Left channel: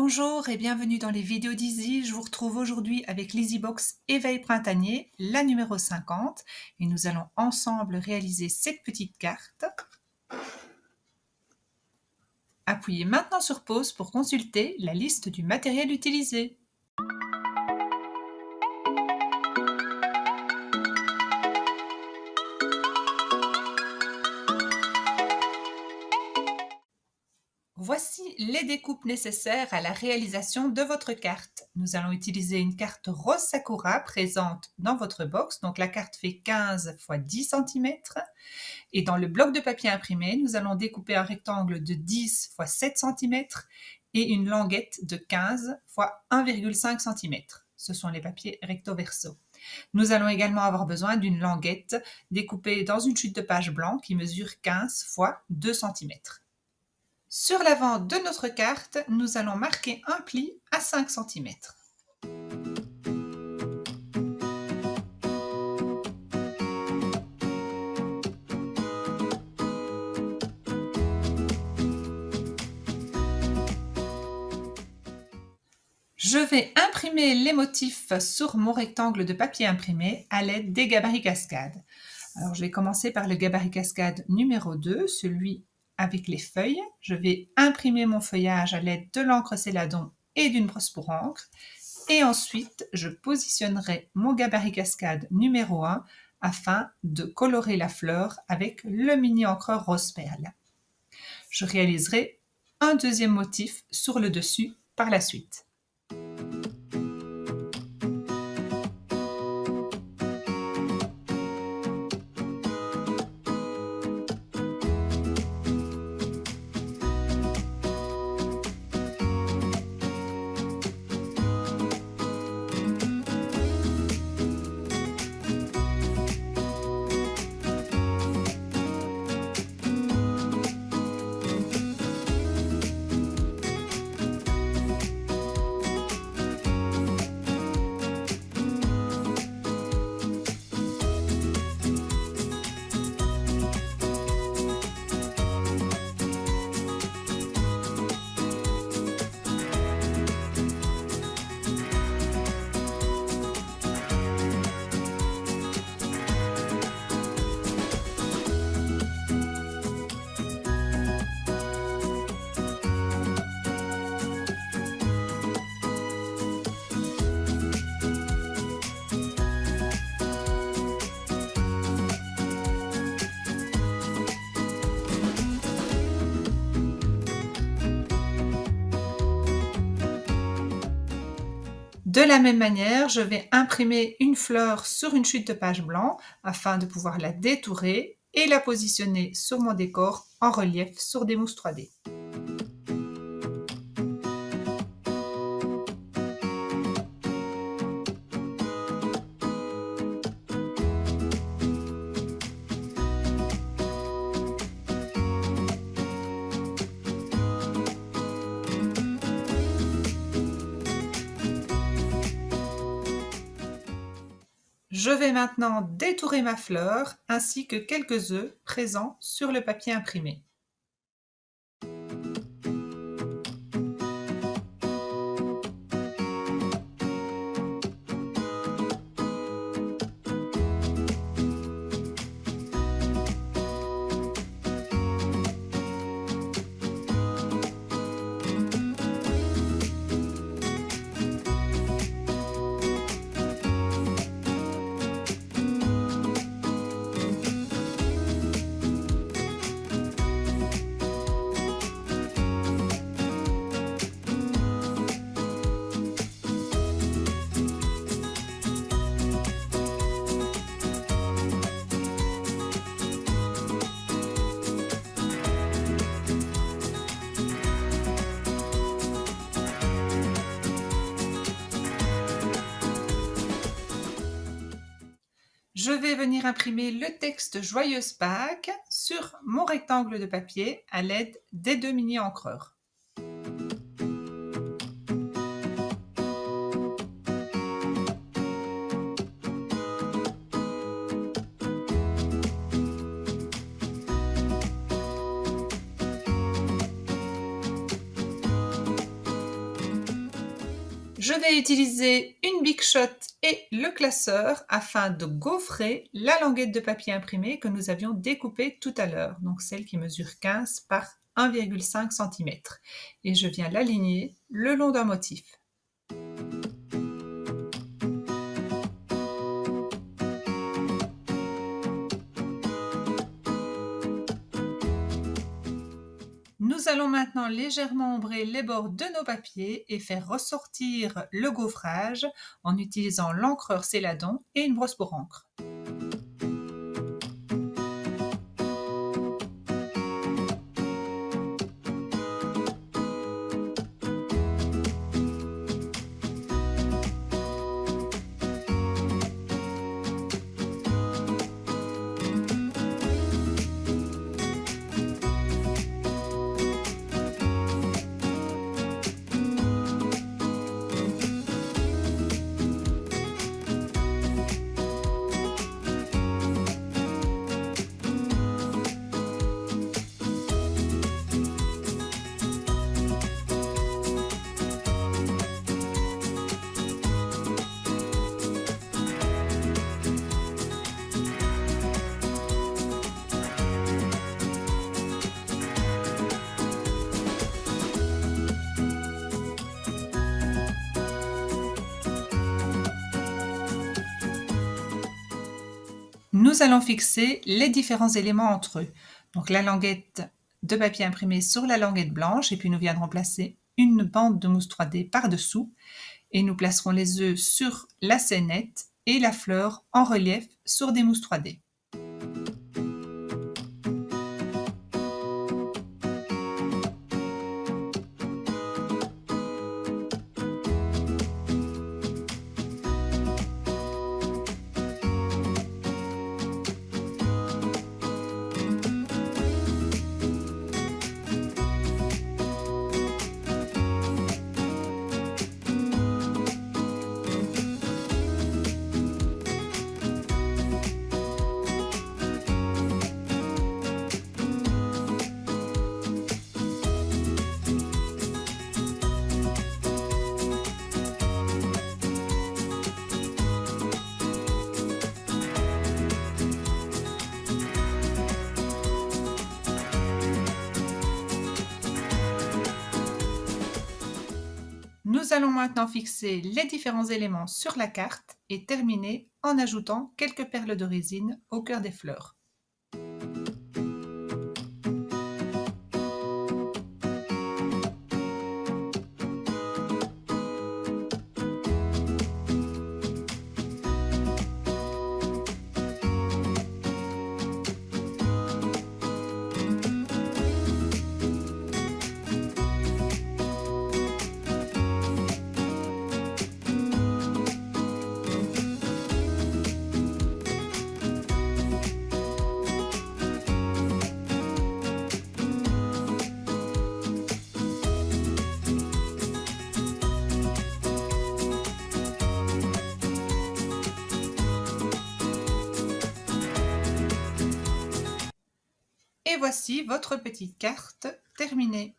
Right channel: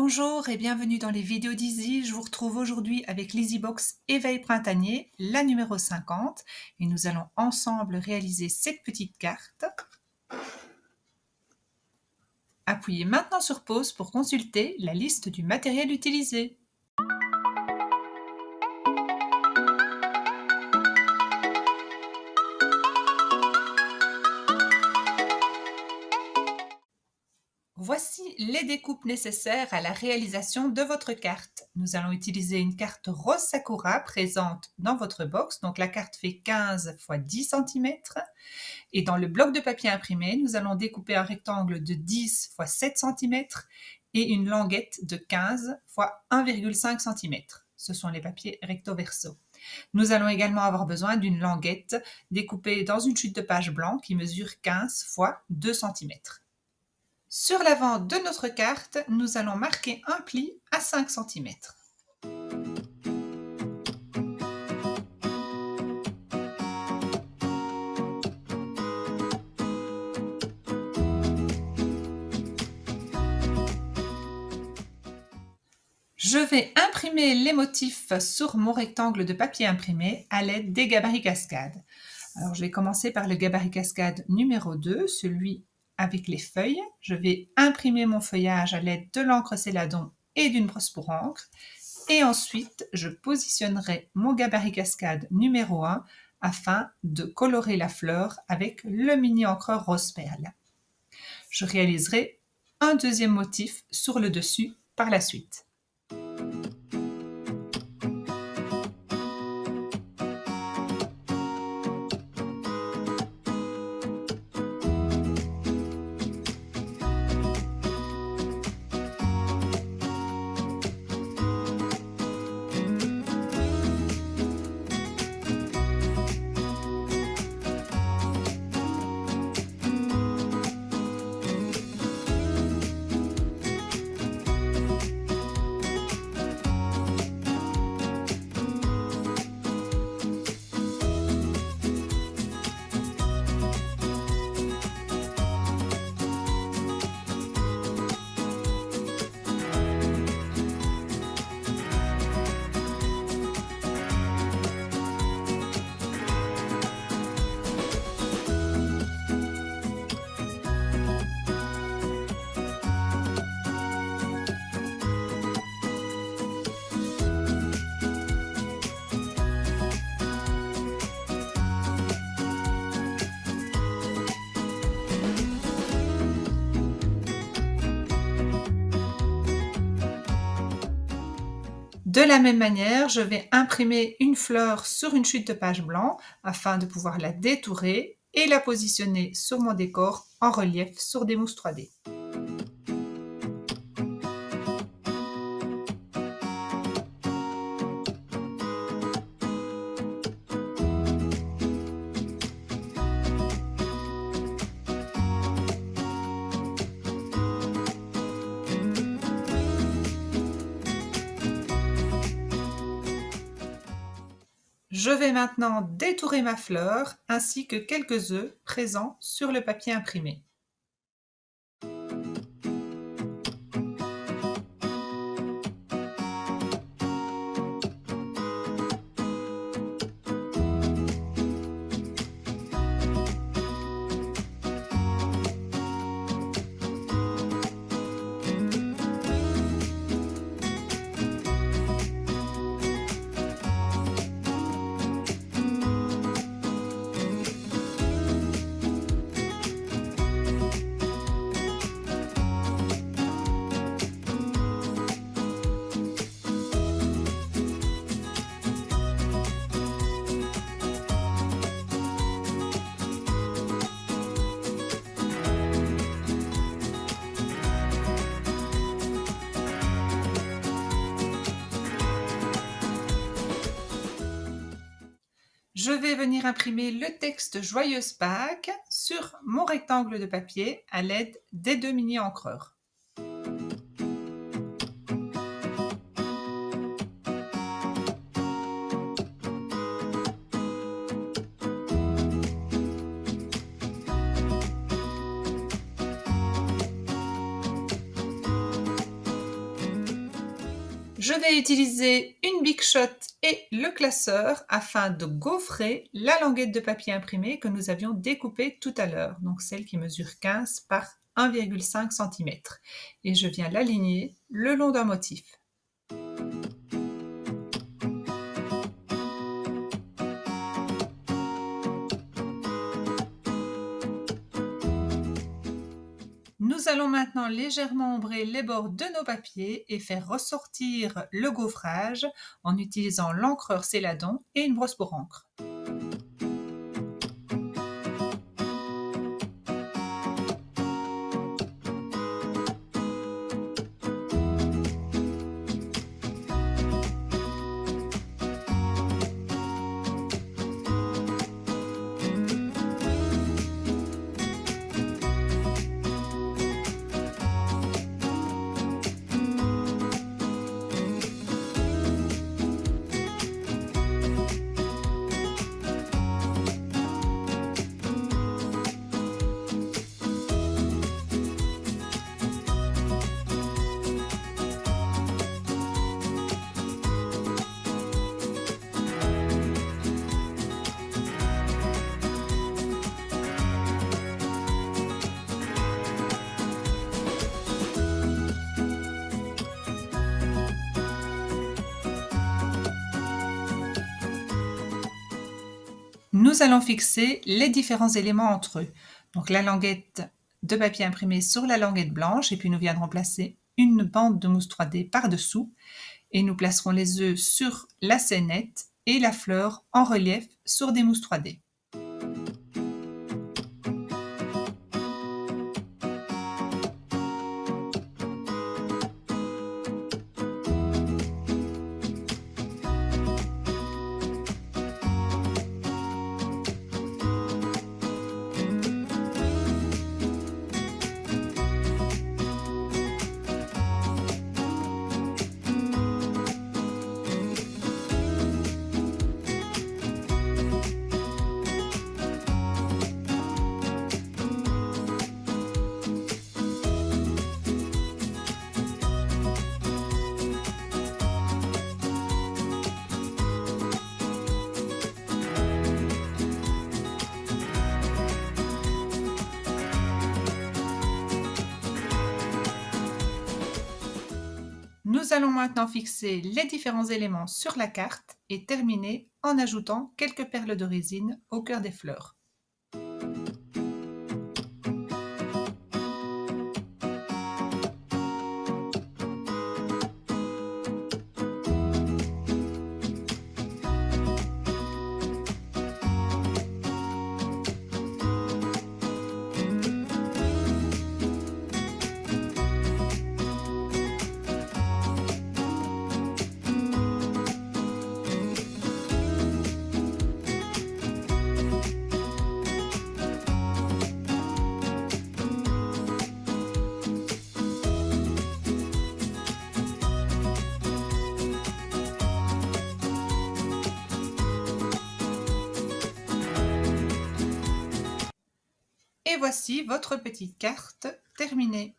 Bonjour et bienvenue dans les vidéos d'Easy. Je vous retrouve aujourd'hui avec l'EasyBox Éveil Printanier, la numéro 50. Et nous allons ensemble réaliser cette petite carte. Appuyez maintenant sur pause pour consulter la liste du matériel utilisé. Voici les découpes nécessaires à la réalisation de votre carte. Nous allons utiliser une carte rose Sakura présente dans votre box. Donc la carte fait 15 x 10 cm. Et dans le bloc de papier imprimé, nous allons découper un rectangle de 10 x 7 cm et une languette de 15 x 1,5 cm. Ce sont les papiers recto verso. Nous allons également avoir besoin d'une languette découpée dans une chute de page blanc qui mesure 15 x 2 cm. Sur l'avant de notre carte, nous allons marquer un pli à 5 cm. Je vais imprimer les motifs sur mon rectangle de papier imprimé à l'aide des gabarits cascades. Alors, je vais commencer par le gabarit cascade numéro 2, celui avec les feuilles. Je vais imprimer mon feuillage à l'aide de l'encre Céladon et d'une brosse pour encre. Et ensuite, je positionnerai mon gabarit cascade numéro 1 afin de colorer la fleur avec le mini encreur rose perle. Je réaliserai un deuxième motif sur le dessus par la suite. De la même manière, je vais imprimer une fleur sur une chute de page blanc afin de pouvoir la détourer et la positionner sur mon décor en relief sur des mousses 3D. Je vais maintenant détourer ma fleur ainsi que quelques œufs présents sur le papier imprimé. Je vais venir imprimer le texte Joyeuse Pâques sur mon rectangle de papier à l'aide des deux mini encreurs. Je vais utiliser une Big Shot et le classeur afin de gaufrer la languette de papier imprimé que nous avions découpée tout à l'heure, donc celle qui mesure 15 par 1,5 cm. Et je viens l'aligner le long d'un motif. Nous allons maintenant légèrement ombrer les bords de nos papiers et faire ressortir le gaufrage en utilisant l'encreur Céladon et une brosse pour encre. Nous allons fixer les différents éléments entre eux. Donc la languette de papier imprimé sur la languette blanche et puis nous viendrons placer une bande de mousse 3D par-dessous et nous placerons les œufs sur la scénette et la fleur en relief sur des mousses 3D. Nous allons maintenant fixer les différents éléments sur la carte et terminer en ajoutant quelques perles de résine au cœur des fleurs. Et voici votre petite carte terminée.